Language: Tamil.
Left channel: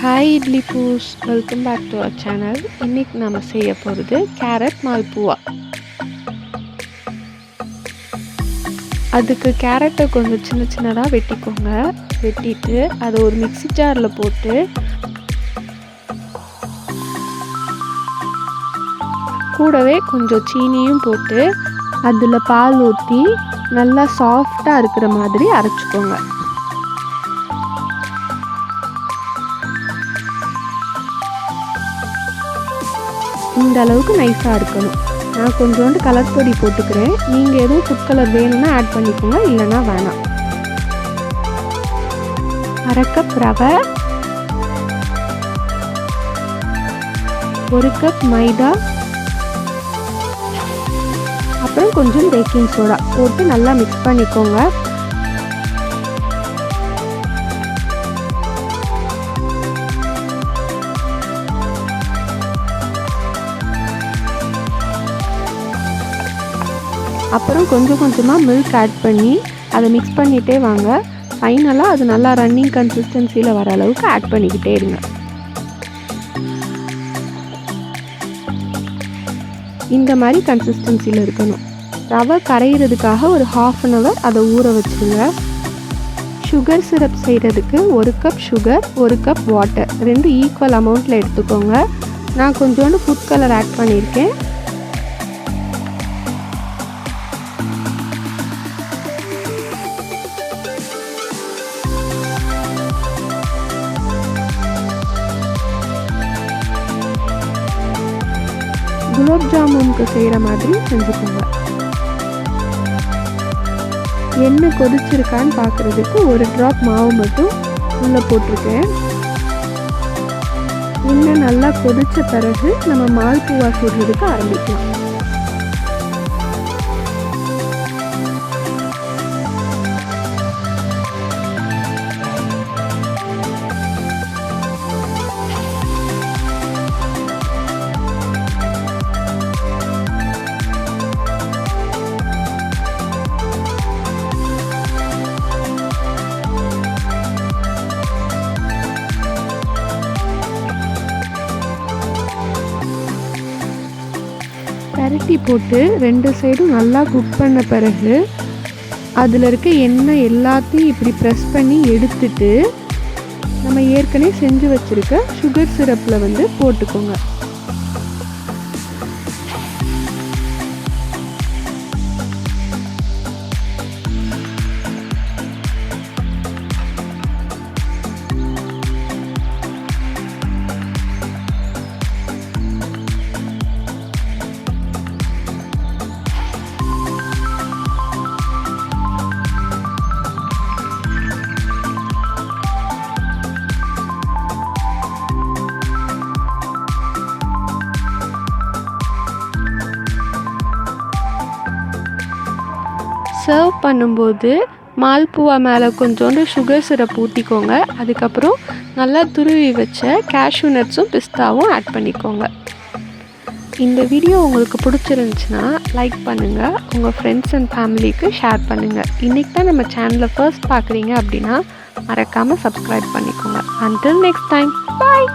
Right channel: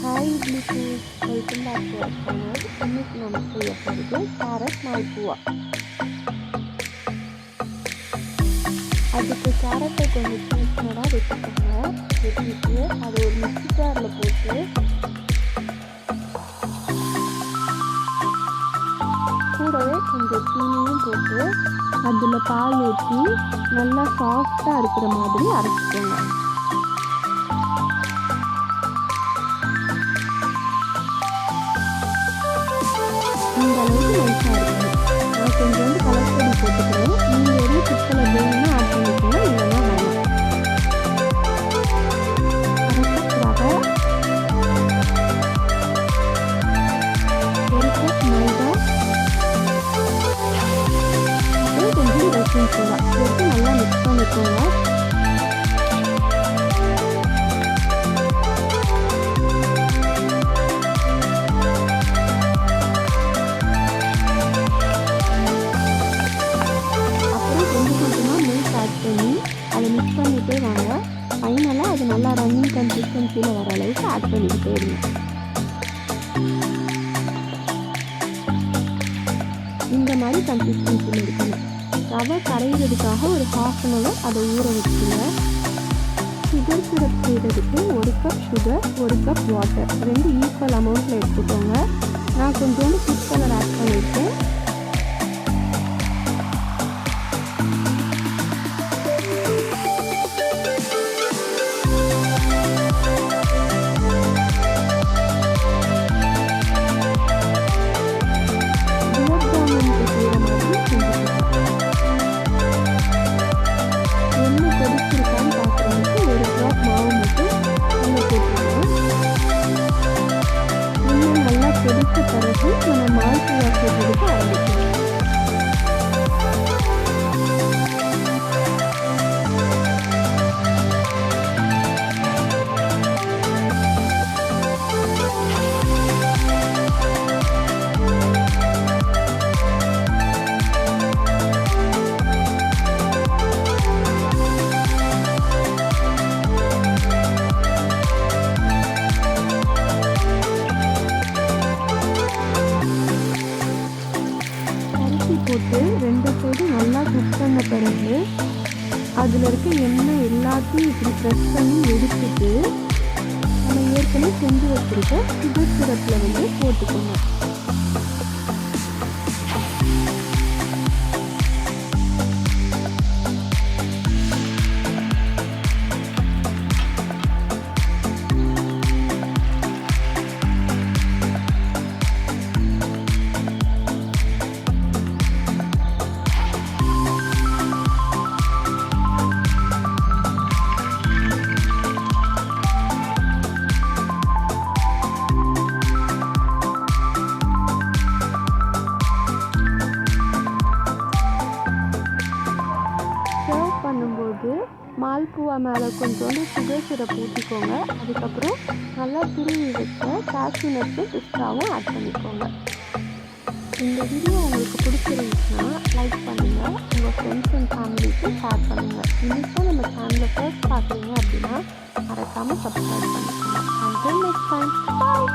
ஹாய் இட்லி பூஸ், welcome back to our channel. இன்னைக்கு நம்ம செய்ய போகிறது கேரட் மால்புவா. அதுக்கு கேரட்டை கொஞ்சம் சின்ன சின்னதாக வெட்டிக்கோங்க. வெட்டிட்டு அதை ஒரு மிக்ஸி ஜாரில் போட்டு கூடவே கொஞ்சம் சீனியும் போட்டு அதில் பால் ஊற்றி நல்லா சாஃப்டாக இருக்கிற மாதிரி அரைச்சிக்கோங்க. இந்த அளவுக்கு நைஸாக இருக்கணும். நான் கொஞ்சோண்டு கலர் பொடி போட்டுக்கிறேன். நீங்கள் எதுவும் ஃபுட் கலர் வேணும்னா ஆட் பண்ணிக்கோங்க, இல்லைன்னா வேணாம். அரை கப் ரவை, 1 கப் மைதா, அப்புறம் கொஞ்சம் பேக்கிங் சோடா போட்டு நல்லா மிக்ஸ் பண்ணிக்கோங்க. அப்புறம் கொஞ்சம் கொஞ்சமாக மில்க் ஆட் பண்ணி அதை மிக்ஸ் பண்ணிகிட்டே வாங்க. ஃபைனலாக அது நல்லா ரன்னிங் கன்சிஸ்டன்சியில் வர அளவுக்கு ஆட் பண்ணிக்கிட்டே இருங்க. இந்த மாதிரி கன்சிஸ்டன்சியில் இருக்கணும். ரவை கரையிறதுக்காக ஒரு 1/2 அன் ஹவர் அதை ஊற வச்சுருங்க. சுகர் சிரப் செய்கிறதுக்கு 1 cup sugar, 1 cup water, 2 equal அமௌண்ட்டில் எடுத்துக்கோங்க. நான் கொஞ்சோண்டு ஃபுட் கலர் ஆட் பண்ணியிருக்கேன். குலாப் ஜாமுனுக்கு செய்கிற மாதிரி செஞ்சுக்கோங்க. எண்ணெய் கொதிச்சிருக்கான்னு பார்க்குறதுக்கு 1 ட்ராப் மாவு மட்டும் உள்ளே போட்டிருக்கேன். எண்ணெய் நல்லா கொதித்த பிறகு நம்ம மால்புவா செய்கிறதுக்கு ஆரம்பிக்கலாம். பரட்டி போட்டு 2 சைடும் நல்லா குக் பண்ண பிறகு அதில் இருக்க எண்ணெய் எல்லாத்தையும் இப்படி ப்ரெஸ் பண்ணி எடுத்துட்டு நம்ம ஏற்கனவே செஞ்சு வச்சுருக்க சுகர் சிரப்பில் போட்டுக்கோங்க. சர்வ் பண்ணும்போது மால்புவா மேலே கொஞ்சோண்டு சுகர் சிரப் ஊற்றிக்கோங்க. அதுக்கப்புறம் நல்லா துருவி வச்ச கேஷ்யூ நட்ஸும் பிஸ்தாவும் ஆட் பண்ணிக்கோங்க. இந்த வீடியோ உங்களுக்கு பிடிச்சிருந்துச்சுன்னா லைக் பண்ணுங்கள், உங்கள் ஃப்ரெண்ட்ஸ் அண்ட் ஃபேமிலிக்கு ஷேர் பண்ணுங்கள். இன்றைக்கி தான் நம்ம சேனலை ஃபர்ஸ்ட் பார்க்குறீங்க அப்படின்னா மறக்காமல் சப்ஸ்கிரைப் பண்ணிக்கோங்க. Until next time, bye.